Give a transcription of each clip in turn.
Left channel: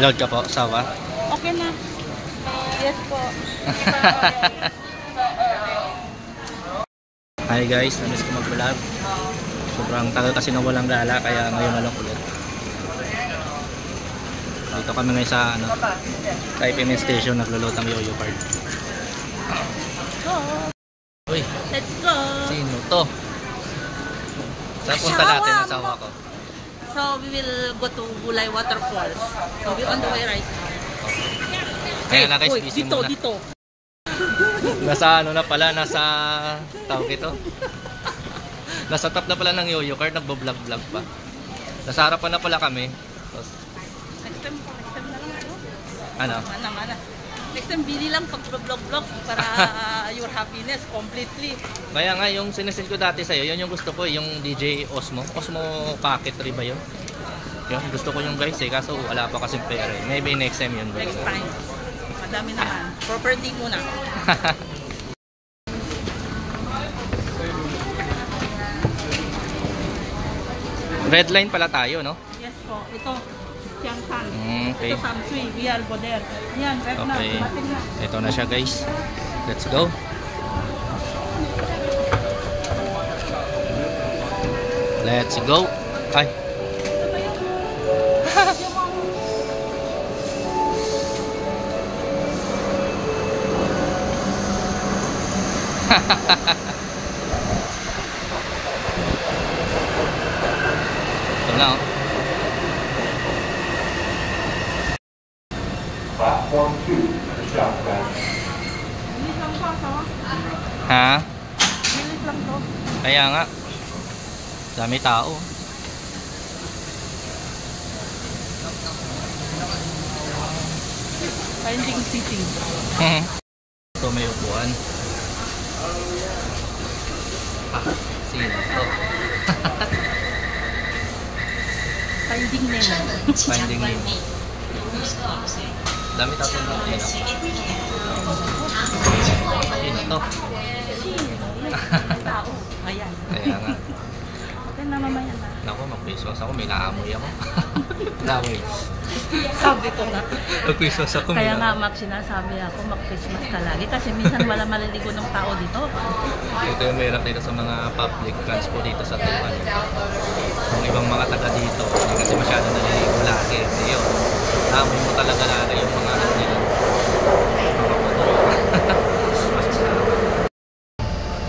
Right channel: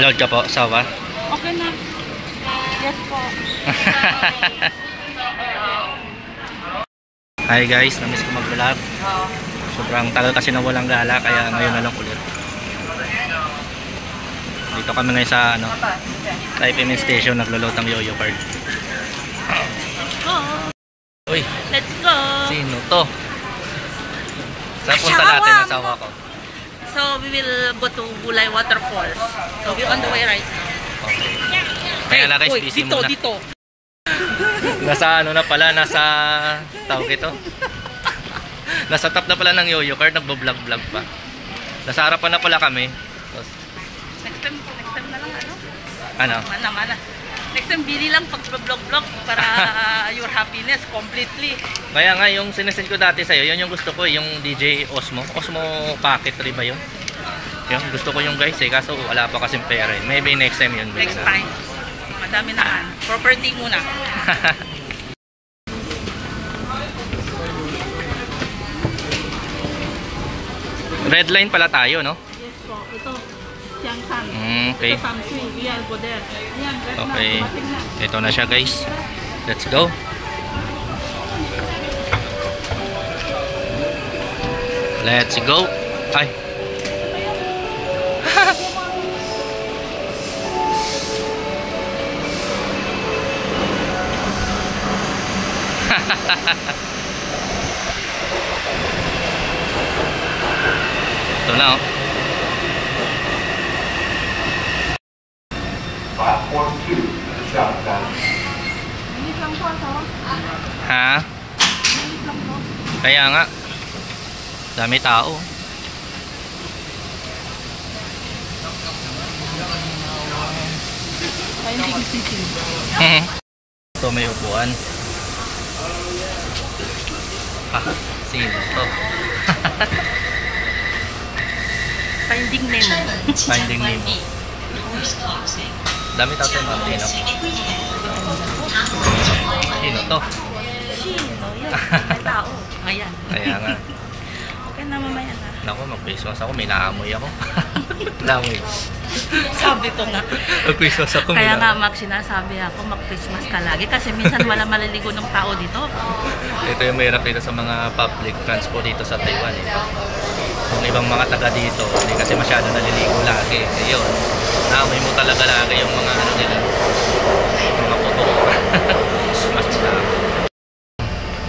Load ka po, sawa? Okay na. Yes po. Hi guys, namiss ko mag-vlog. Sobrang tagal kasi na walang gala, kaya ngayon na lang ulit. Dito kami ngayon sa Taipei Station, naglo-load ng Yoyo card. Uy, Let's go. sino to? Saan punta natin? Asawa ko. So we will go to Bulay Waterfalls. So we're on the way right now. Okay. Kaya na guys, busy muna. Dito. Nasa na pala, nasa tawag ito. Nasa top na pala ng Yoyo card, nagbo-vlog-vlog pa. Nasa harapan na pala kami. Next time na lang Ano? Mana. Next time bili lang pag vlog para your happiness completely. Kaya nga yung sinesend ko dati sa'yo, yun yung gusto ko, yung DJ Osmo. Osmo Pocket 3 ba yun? Yung gusto ko yung guys kaso wala pa kasing pera eh. Maybe next time yun. Next time. Madami naman. Property muna. Red line pala tayo, no? Yes po. Ito. Tiangsan. Okay. Ito Samsi. Real Boder. Ayan. Okay. Ito na siya guys. Let's go. Let's go. Ay. Ito na oh. Ha? Kaya nga. Dami tao. Finding seating. Ito may upuan. Sino to? Finding Nemo. Finding Nemo. Dami tao sa mga no? Sino to? Sino yun? May tao. Ayan. Kaya nga. Okay na mamaya na. Naku, mag-Christmas ako. May naamoy ako. Naamoy. Sabi ko na. Mag-Christmas ako. Kaya nga Max, sinasabi ako mag-Christmas ka lagi kasi minsan wala maliligo ng tao dito. Ito yung mahirap dito sa mga public transport dito sa Taiwan eh. Yung ibang mga taga dito, hindi kasi masyado naliligo lagi. Eh yun, naamoy mo talaga lagi yung mga nila. Mga puto. Mas na.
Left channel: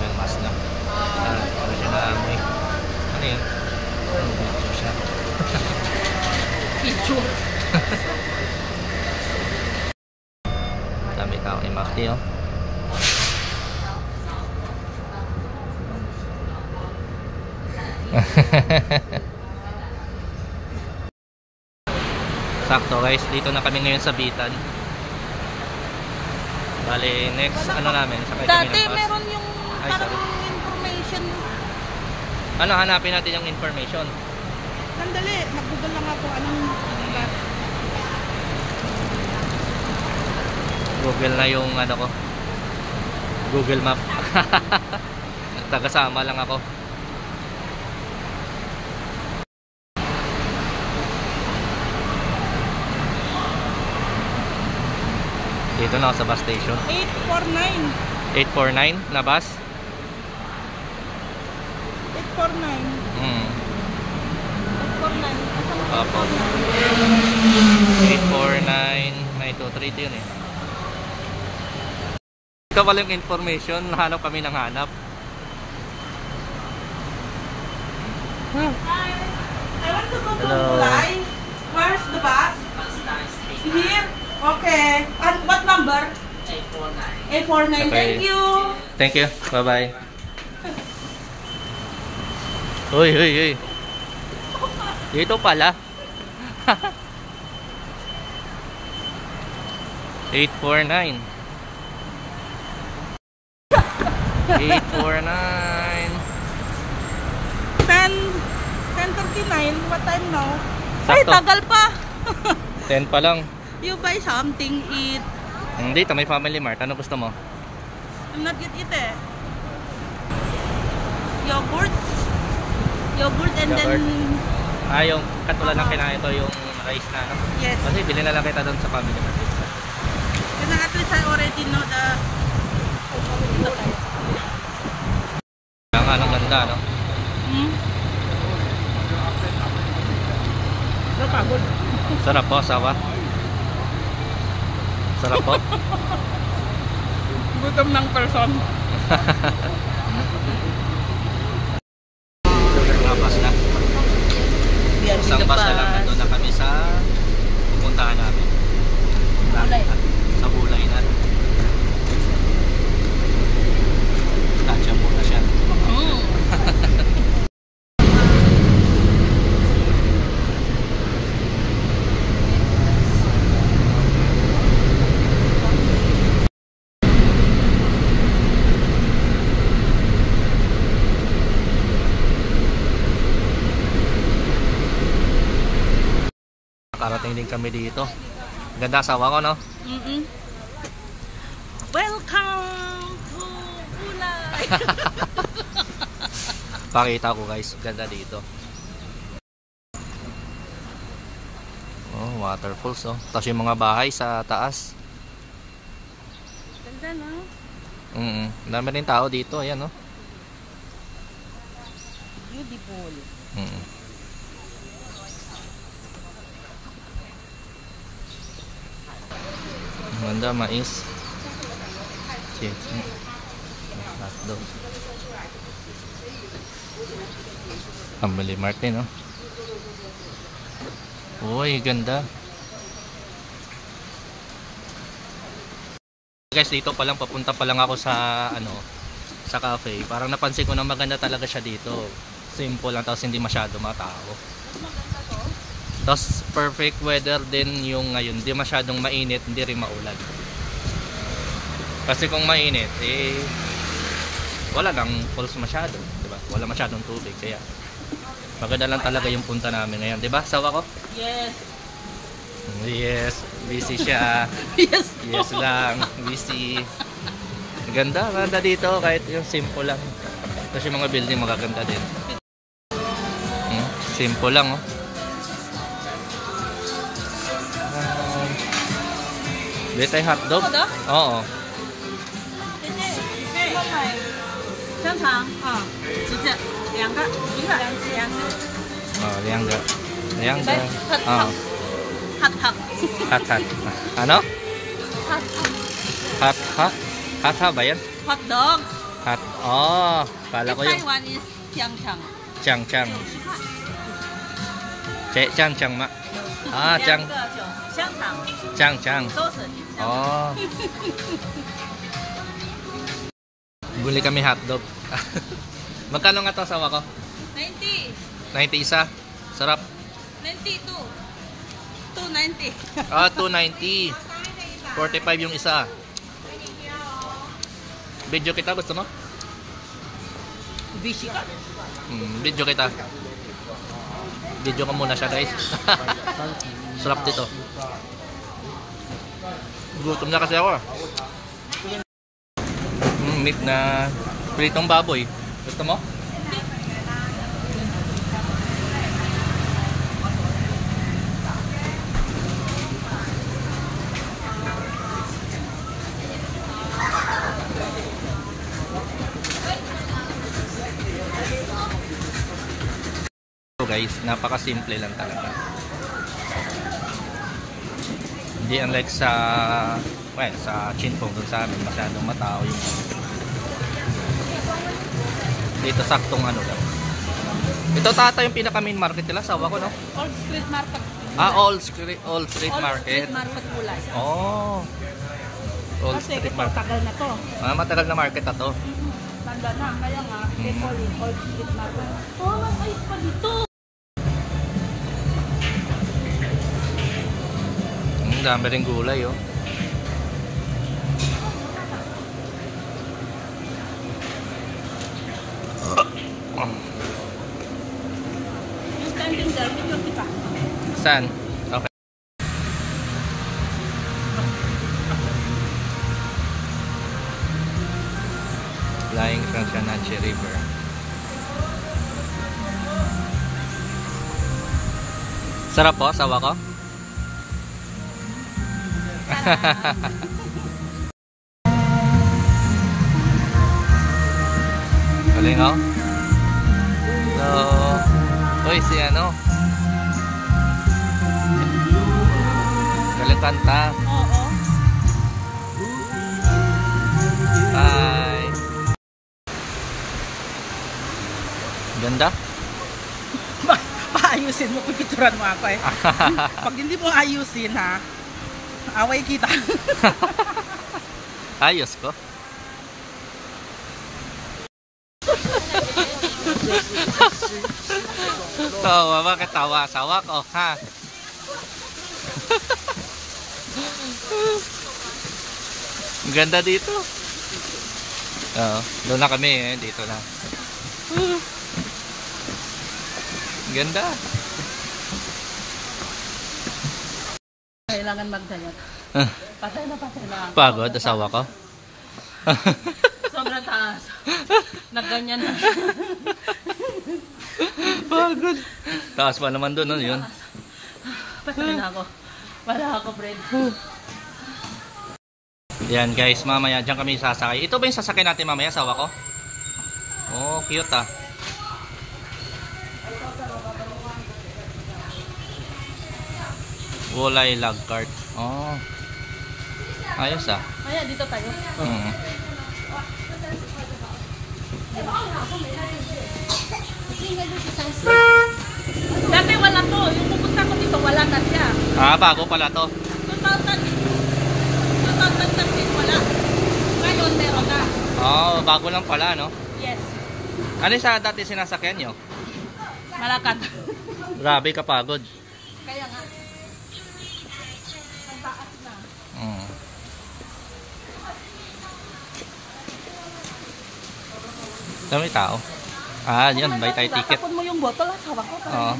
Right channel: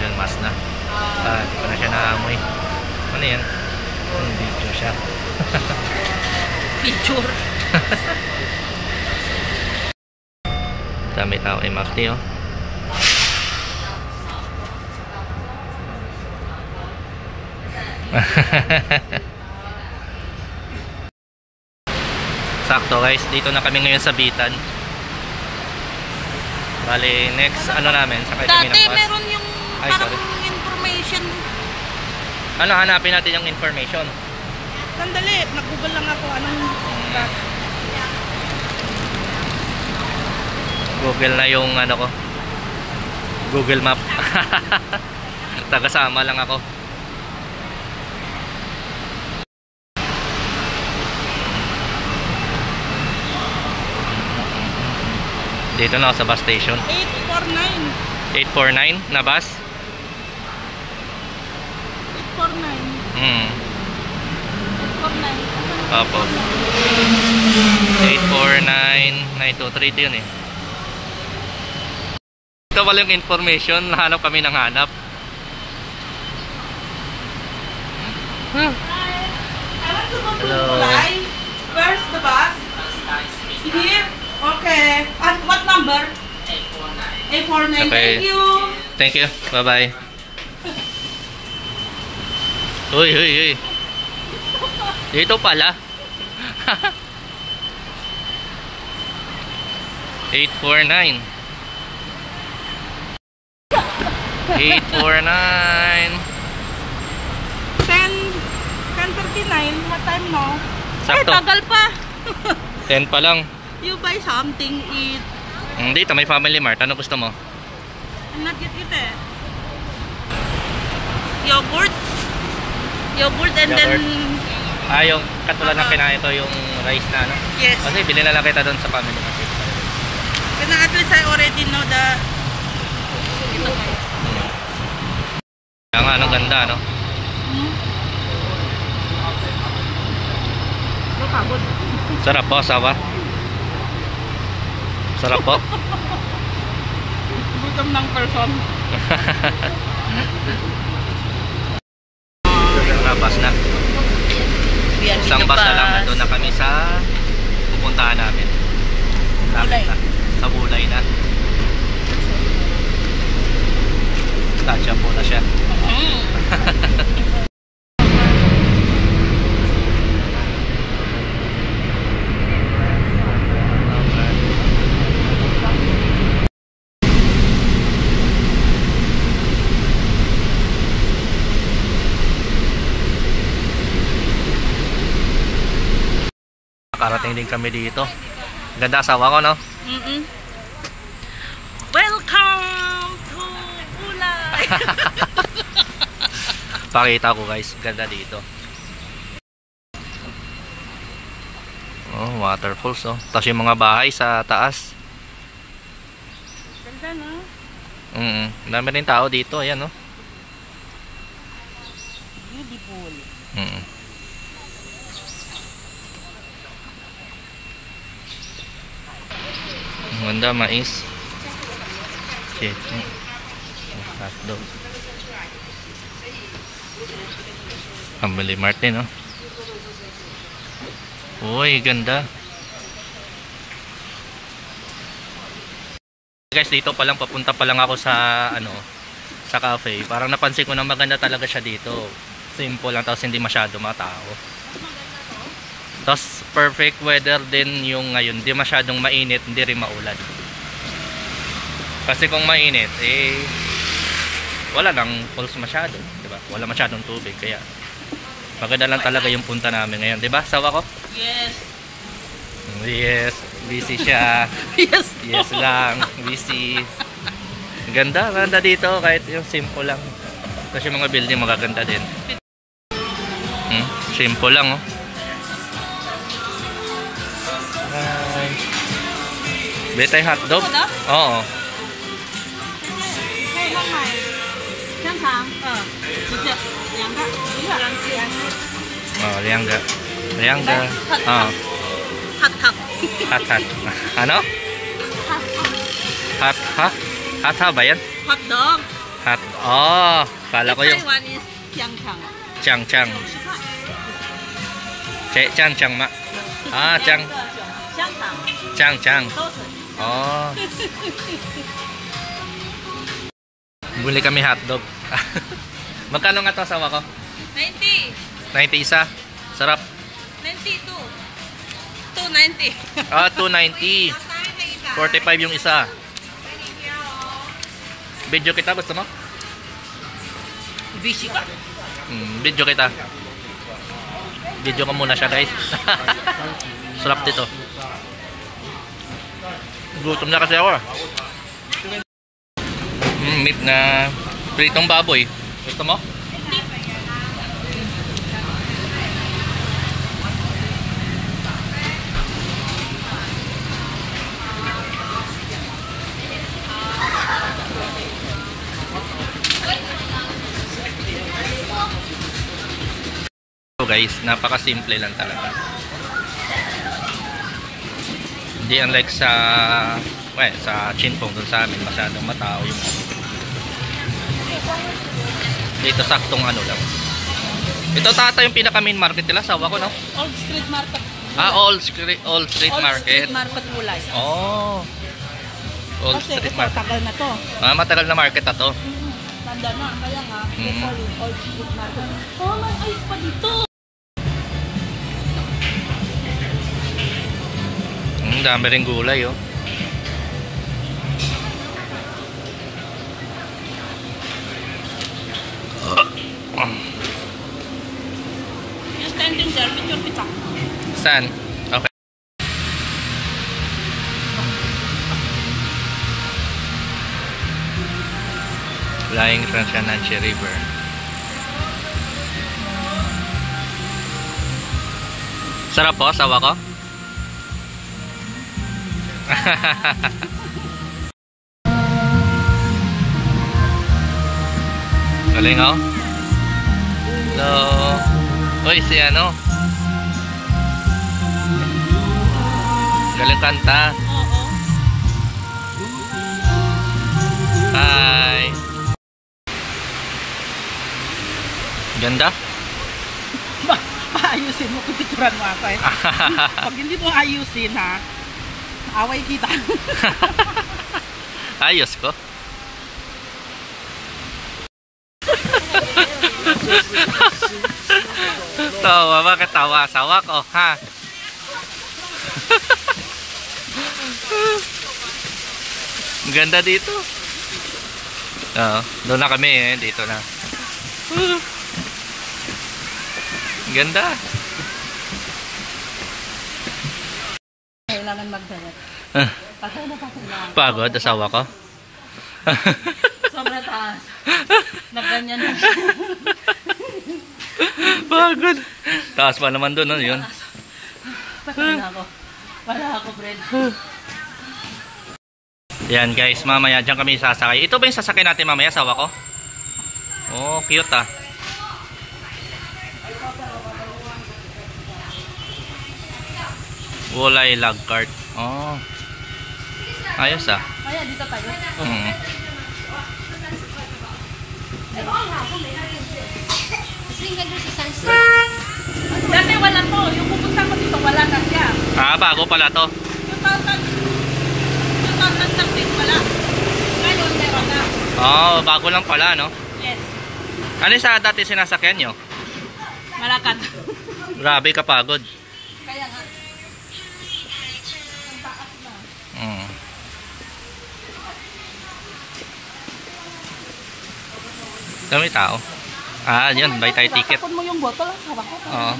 Yan, mas na. Hindi pa na siya naamoy. Ano yan? Video siya. Picture. Dami tao MRT oh. Sakto guys, dito na kami ngayon sa Bitan. Bale, next ano namin, sakay kami ng Dati bus. meron yung parang information. Ano hanapin natin yung information? Sandali, nag-google lang ako anong bus. Google na yung ano ko. Google Map. Tagasama lang ako. Dito na ako sa bus station. 849. 849 na bus? 849. 849. Opo. 849-923 ito yun eh. Ito pala yung information. Hanap kami ng hanap. Hi. I want to go to Bulay. Where's the bus? Here? Okay. And what number? 849. 849. Okay. Thank you. Thank you. Bye-bye. Uy, uy, uy. Dito pala. 849. 849. 10:39. What time now? Sakto. Ay, tagal pa. 10 pa lang. You buy something, eat. Dito may Family Mart. Ano gusto mo? I'm not yet eat eh. Yogurt. Yogurt and Yogurt. then... Yung katulad ng kinain ko yung rice na, no? Yes. Kasi bilhin na lang kita doon sa family market. And at least I already know the... Kaya nga, ang ganda, no? Sarap po, sawa. Sarap po. Gutom ng person. Nga bus na. Isang bus na lang, nandun na kami sa pupuntahan namin. Bulay. Sa Bulay na. Tatcha po na siya. Karating din kami dito. Ganda asawa ko, no? Welcome to Bulay. Pakita ko guys, ganda dito. Oh, waterfalls, oh. Tapos yung mga bahay sa taas. Ganda, no? Dami rin tao dito, ayan, no? Beautiful. Ganda, mais. Chicken. Hotdog. Family Mart din, no? Uy, ganda. Guys, dito pa lang, papunta pa lang ako sa sa cafe. Parang napansin ko na maganda talaga siya dito. Simple lang, tapos hindi masyado matao. Tapos perfect weather din yung ngayon. Hindi masyadong mainit, hindi rin maulan. Kasi kung mainit, wala nang falls masyado, 'di ba? Wala masyadong tubig, kaya maganda lang talaga yung punta namin ngayon, 'di ba? Sawa ko? Yes. Yes, busy siya. Yes. Yes lang, busy. Ganda, ganda dito kahit yung simple lang. Kasi mga building magaganda din. Simple lang, oh. Hi. Betay hotdog? Oo. 香肠，几只？2个，一个。Oh, liangga. Oh, Hot hot. hot. Ano? Hot ba yan? Hot dog. Hot. Oh, kala ko yung Taiwan is 香肠。 chang. Chang ma. Ah, chang. 香肠。 Chang. 都是。 Oh. Buli kami hotdog. Magkano nga to asawa ko? 90. 90 isa. Sarap. 92. 290. Ah, 290. 45 yung isa. Video kita, gusto mo? Busy ka? Video kita. Video ko muna siya, guys. Sarap dito. Gutom na kasi ako. Meat na pritong baboy. Gusto mo? So guys, napaka-simple lang talaga. Hindi unlike sa sa Chinpong dun sa amin, masyadong matao yung dito saktong lang. Ito tata yung pinaka main market nila, sawa ko, no? Old Street Market. Ah, Old Street Market. Street Market Bulay. Oh. Old Kasi Street Market. matagal na to. Ah, matagal na market na to. Tanda na, kaya nga. Old Street Market. Oh, ay pa dito. Dami rin gulay, oh. Yung standing there with your pizza. Saan? Okay. Flying Transyanansi River. Sarap po, sawa ko? Galing oh. So, uy si ano. Galing kanta. Hi. Ganda. Paayusin mo, pipituran mo ako eh. Pag hindi mo ayusin ha, away kita. Ayos ko. Tawa, bakit tawa? Sawa ko, ha? Ang ganda dito. Oo, doon na kami eh, dito na. Ang ganda. Kailangan magdayat. Pasay na. Pagod, asawa ko. Sobrang taas. Nagganyan na. Pagod. Taas pa naman doon, ano yun? Pasay na ako. Wala ako, Fred. Yan guys, mamaya dyan kami sasakay. Ito ba yung sasakay natin mamaya, asawa ko? Oh, cute ah. Walay log cart. Oh. Ayos ah. Kaya dito tayo. Dati wala to. Yung pupunta ko dito, wala na siya. Ah, bago pala to. Yung tawag-tawag pala. Ngayon, meron na. Oh, bago lang pala, no? Yes. Ano yung sa dati sinasakyan nyo? Malakad. Grabe kapagod. Kaya nga. Ang taas na. Dami tao. Ah, yan, buy tayo ticket. Tapon mo yung bottle, sawa ko. Oo.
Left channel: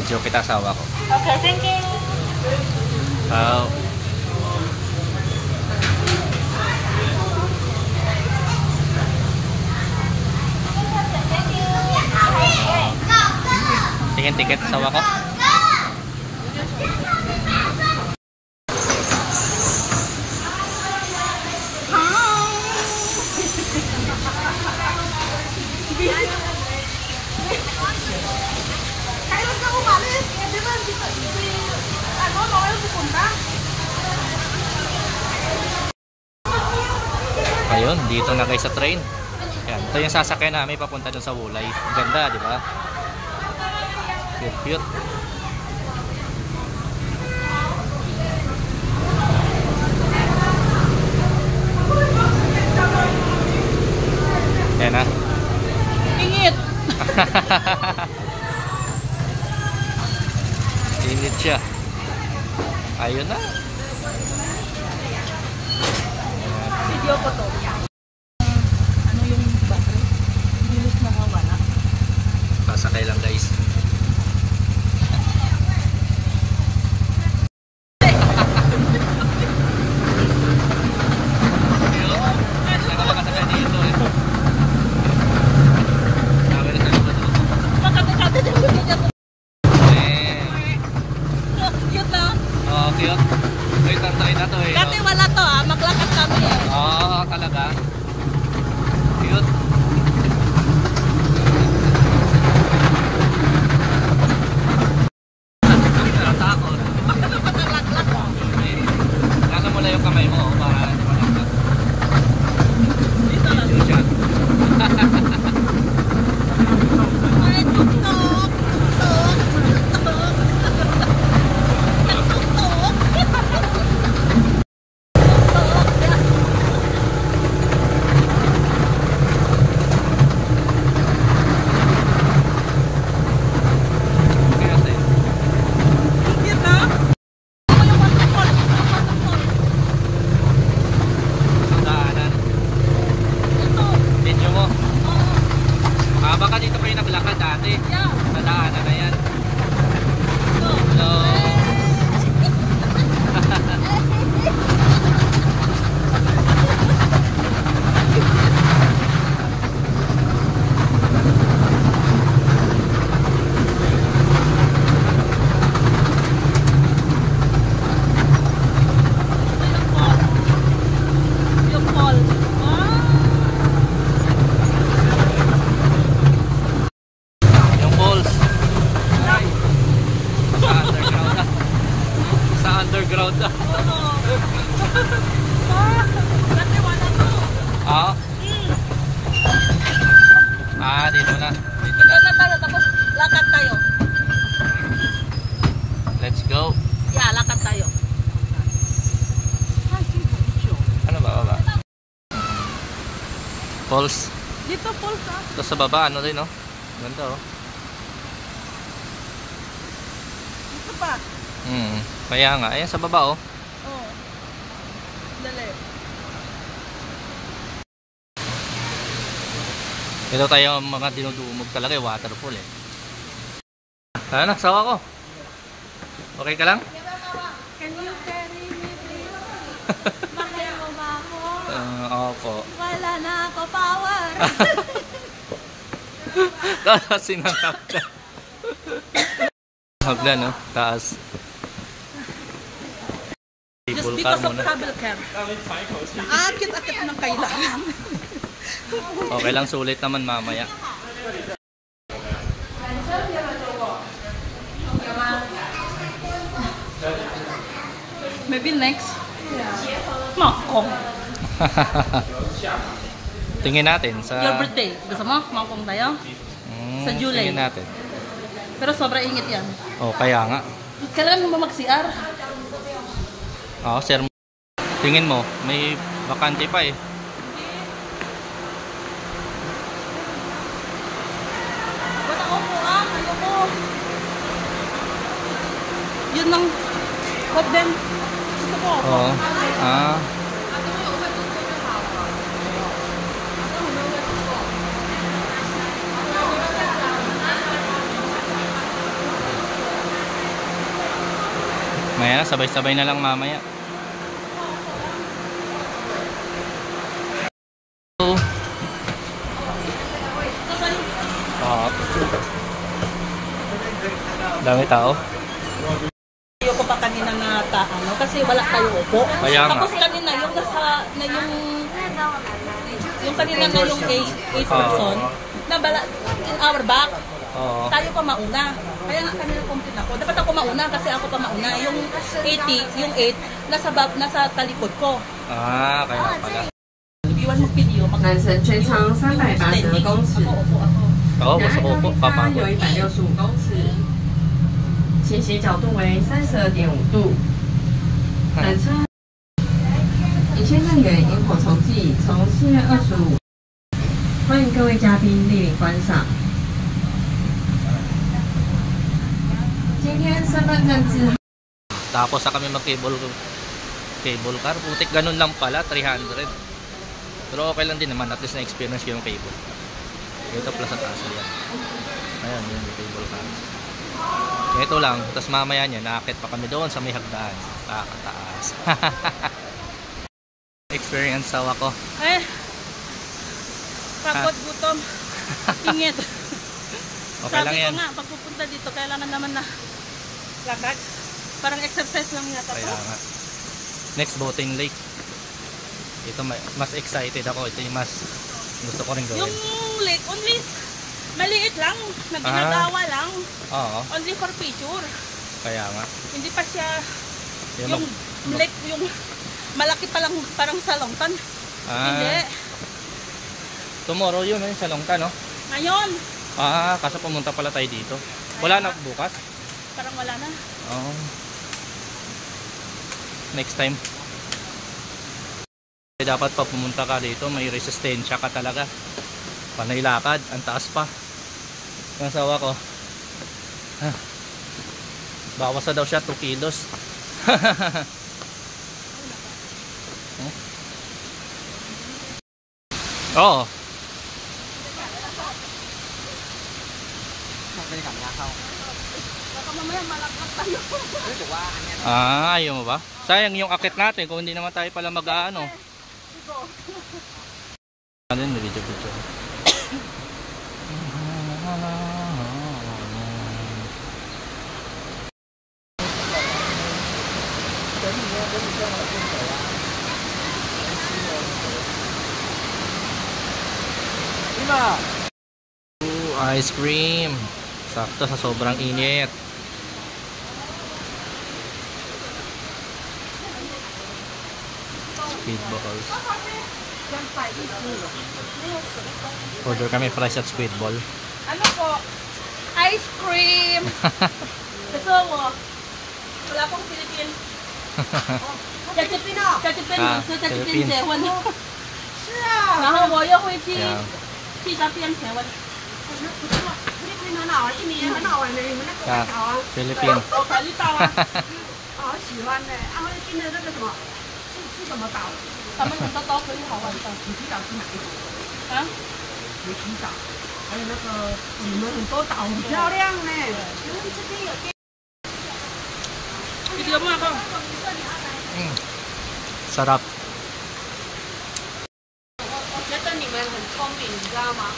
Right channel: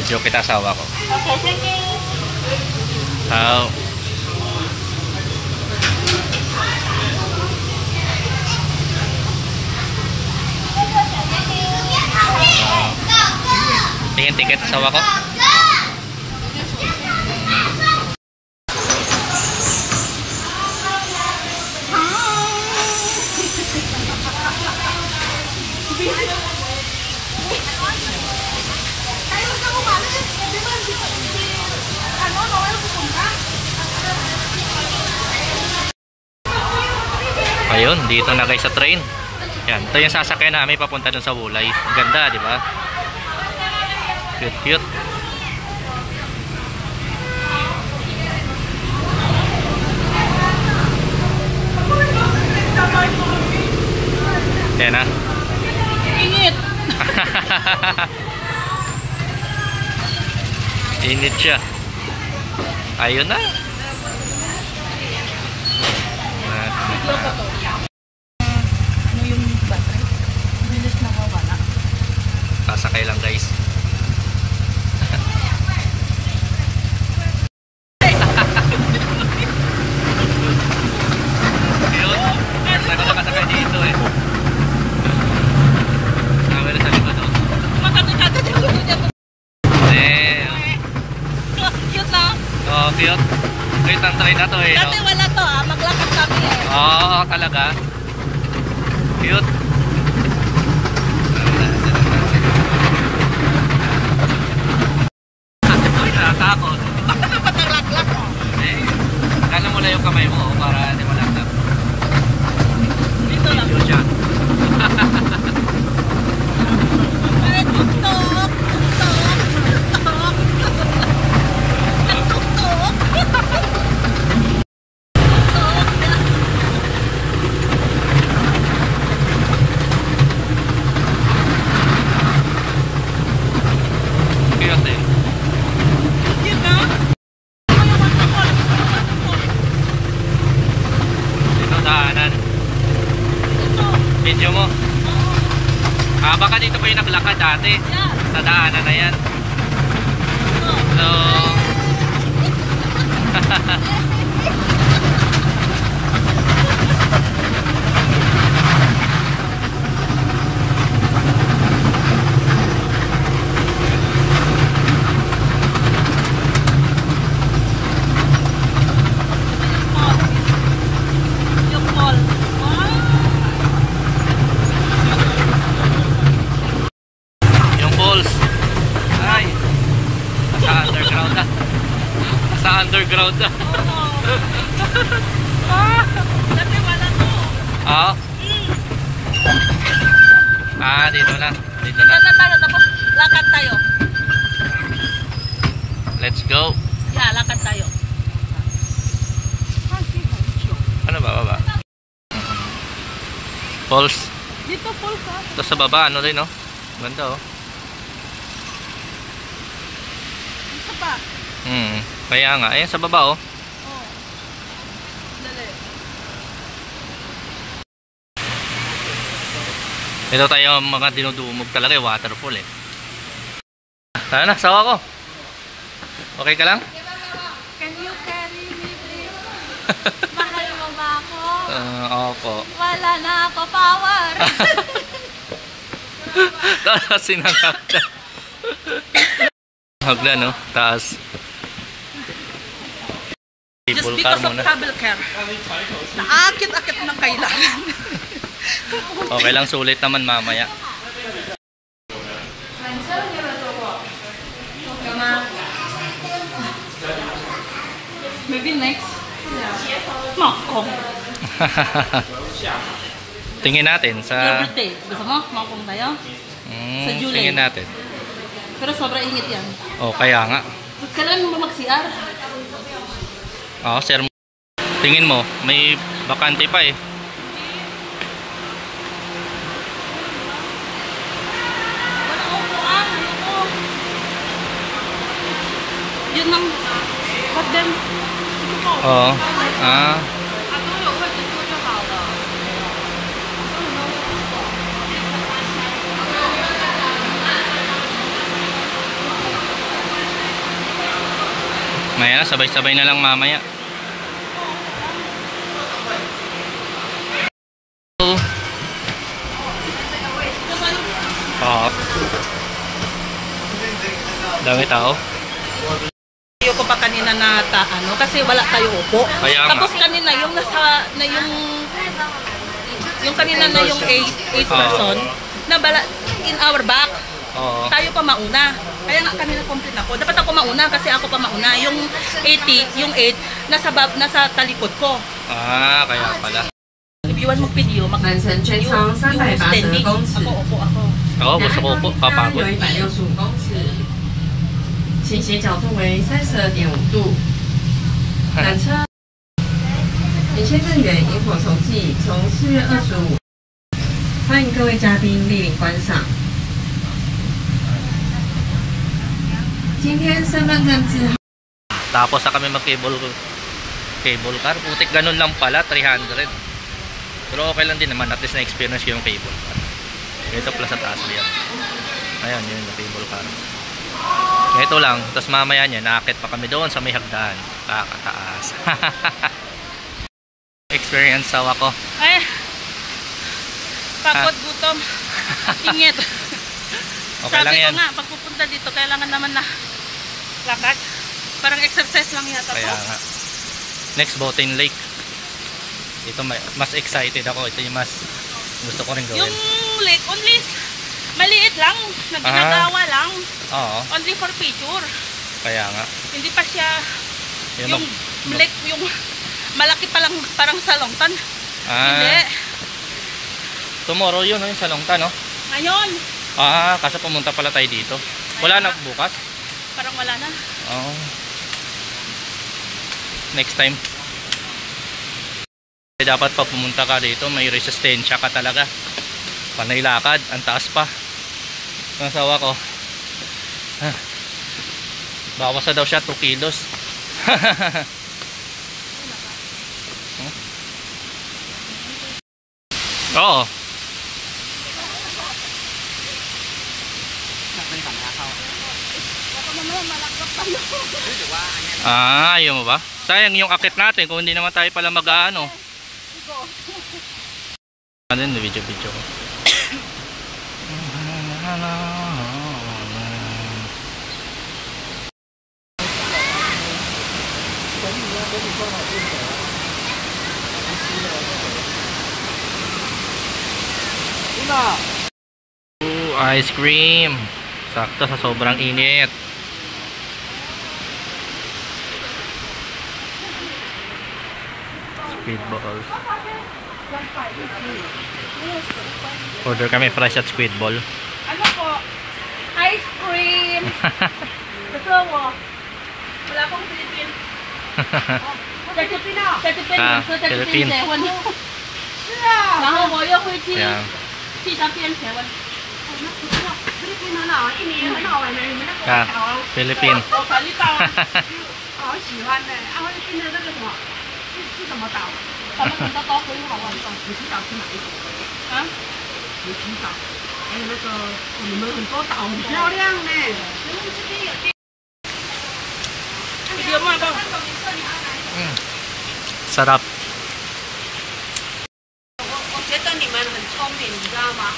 Video kita asawa ko. Okay, thank you. Oh. Tingin tiket asawa ko. Ayun, dito na guys sa train. Yan, ito yung sasakyan namin papunta dun sa Wulay. Ang ganda, di ba? Cute, cute. Yan na. Init. Init siya. Ayun na. Video ko to. Ano yung battery? Bilis na ko wala. Sasakay lang guys. Ayun. First time ko nakasakay dito eh. Sabi na sa likod oh. Makati-kati dito dito. Cute lang. Oh, cute. Cute ang train na to eh. Dati wala to maglakad kami eh. Oo, talaga. Ah, baka dito kayo naglakad dati. Yeah. Sa daanan na yan. So, Yung mall. yung falls. Ay. Nasa underground na. Nasa underground na. Kasi wala to. Ah. Ah, dito na. Dito na. Doon na tayo, tapos lakad tayo. Let's go. Yeah, lakad tayo. Ano ba, baba? Falls. Dito falls ah. Tapos sa baba, ano rin, no? Ganda, oh. Dito pa. Kaya nga. Ayan, sa baba, oh. Oh. Dali. Ito tayo mga dinudumog talaga, eh. Waterfall, eh. Tara na, sawa ko. Okay ka lang? Can you carry me please? Mahal mo ba ako? Opo. Wala na ako power. Taas sinangak ka. Hagla, no? Taas. Just Cable car because of muna. travel care. Naakit-akit ng kailangan. Okay lang, sulit naman mamaya. Maybe next. Mangkong. Tingin natin Your sa... birthday. Gusto mo? Mangkong tayo? Sa July. Tingin natin. Pero sobrang ingit yan. Oh, kaya nga. Kailangan mo mag-CR. Oo, sir. Tingin mo, may bakante pa eh. Yun lang. But then, Oo. Ah. Maya na, sabay-sabay na lang mamaya. Oo. Dami tao. Ayaw ko pa kanina na ano kasi wala tayo upo. Kaya nga. Tapos kanina yung nasa na yung kanina na yung 8 person na bala in our back. Oo. Tayo pa mauna. Kaya nga kanina complete ako. Dapat ako mauna kasi ako pa mauna. Yung 80, yung 8 nasa talikod ko. Ah, kaya pala. If you want mag-video, 南程全长380公尺， Ako, upo ako. Oo, gusto ko po. 有 Kapagod. 165公尺，倾斜角度为32.5度。缆车领先人员萤火虫季从4月25，欢迎各位嘉宾莅临观赏。今天身份证字号 Tapos na kami mag-cable car. Putik, ganun lang pala, 300. Pero okay lang din naman, at least na-experience ko yung cable car. Ito plus sa taas yan. Ayan, yun yung cable car. Ito lang, tapos mamaya niya, naakit pa kami doon sa may hagdan. Kakataas. Experience sawa ko. Ay, pagod, gutom, ingit. Okay lang Sabi yan. ko nga, pag pupunta dito, kailangan naman na lakad. Parang exercise lang yata Kaya to. nga. Next, Botin Lake. Ito, mas excited ako. Ito yung mas gusto ko rin gawin. Yung lake, only maliit lang, naginagawa lang. Oo, Only for picture. kaya nga. Hindi pa siya, Yung yung lake, yung malaki pa lang, parang sa Longtan. Hindi. Tomorrow yun, yung sa Longtan, no? Ngayon, Kaso pumunta pala tayo dito. Wala na bukas? parang wala na. Oo. Next time. Dapat pa pumunta ka dito, may resistensya ka talaga. Panay lakad, ang taas pa. Ang asawa ko, bawas na daw siya 2 kilos. Oo. Ayaw mo ba? Sayang yung akit natin kung hindi naman tayo pala mag-aano. Ano yun, video ko. Ice cream. Sakto sa sobrang init. Squid balls. Order kami fresh at squid ball. Ano po? Ice cream! Gusto mo? Wala akong Philippine. Philippine. 是啊，然后我又会去 Yeah. 去那边结婚。菲律宾很好，印尼也很好玩的，你们那个啊岛啊， Philippine. 我法律岛啊，我好喜欢呢。啊，菲律宾的那个什么，是什么岛？他们很多都很好玩的。普吉岛是哪一个？啊？普吉岛，还有那个你们很多岛很漂亮呢。我们这边有电。video mo ako. Sarap. 我觉得你们很聪明，你知道吗？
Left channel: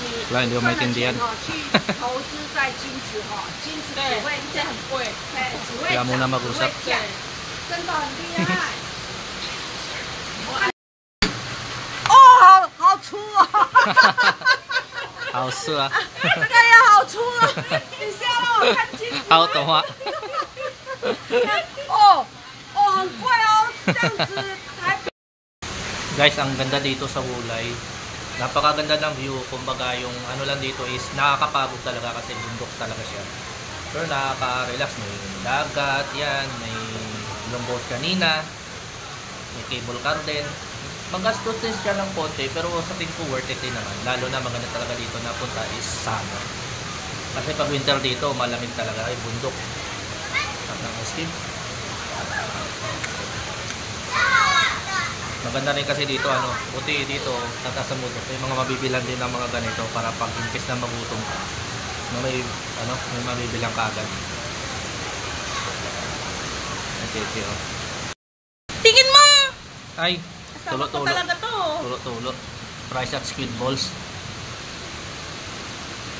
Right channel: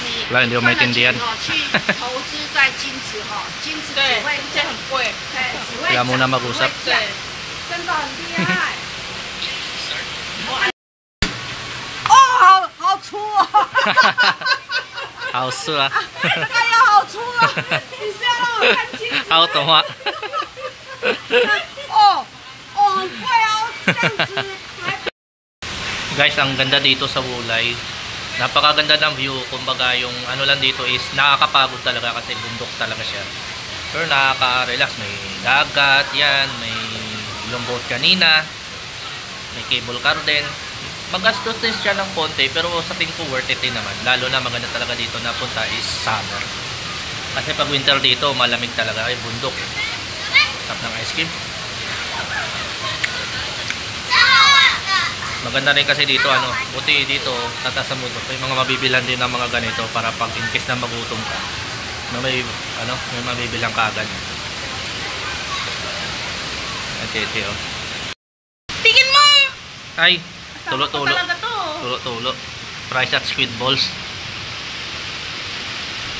你 Wala, hindi ko maintindihan. 去投资在金子哈，金子只会这很贵，对，只会 Kaya 涨 muna 不 mag-usap. 会降，真的很厉害。哦，好粗啊！ House ah. 这个也好粗啊！你是要让我看金子吗？ Auto nga. 哦，很贵哦，这样子还 Guys, ang ganda dito sa Wulay. Napakaganda ng view. Kumbaga yung ano lang dito is nakakapagod talaga kasi bundok talaga siya. Pero nakaka-relax. May dagat yan. May yung boat kanina. May cable car din. Magastos din siya ng konti pero sa tingin ko worth it din naman. Lalo na maganda talaga dito na punta is summer. Kasi pag winter dito malamig talaga ay bundok. Sarap ng ice cream. Maganda rin kasi dito ano, buti dito tataas sa mundo. May mga mabibilan din ng mga ganito para pag in case na magutom ka. May mabibilang ka agad. Okay, oh. tingin mo! Ay, tulo-tulo. Talaga to. Tulo-tulo. Fries at squid balls.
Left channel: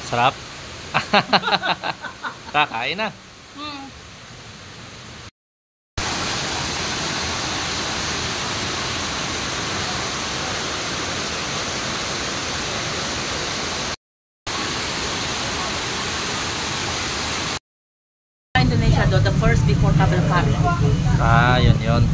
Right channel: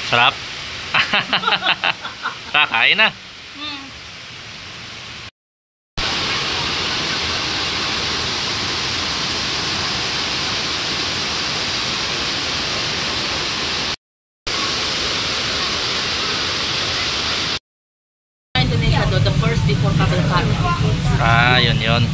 Sarap. Kakain na. Indonesia though, the first before carbon copy. Yun.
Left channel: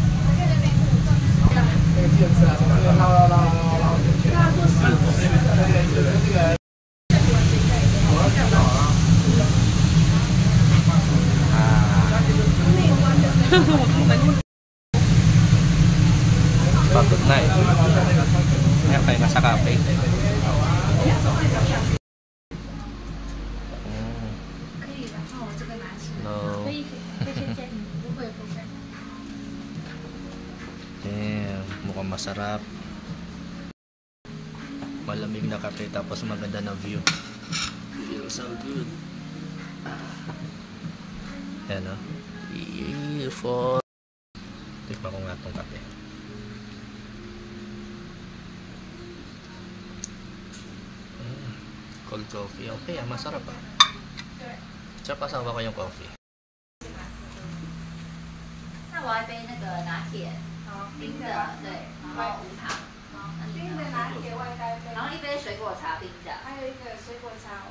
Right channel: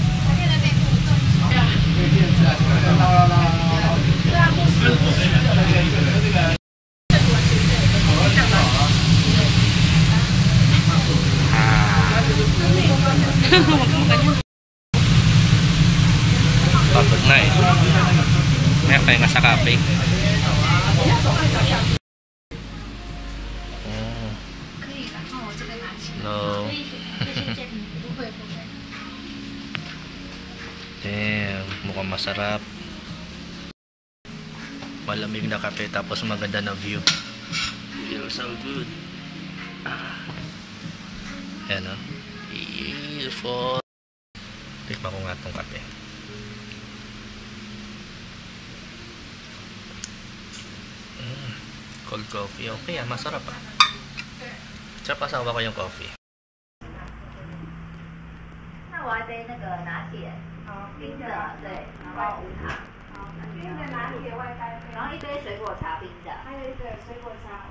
Pagod na eh. Ngayon kaya nga sa cafe. No. Damn, mukhang masarap. Malamig na kape tapos maganda na view. Feels so good. Ayan o. Beautiful. Tikman ko nga itong kape. Cold coffee. Okay masarap ah. Sarap asawa ko yung coffee. 那我要一杯那个拿铁，冰的，对，然后无糖，冰的拿铁外带，然后一杯水果茶冰的，还有一个水果茶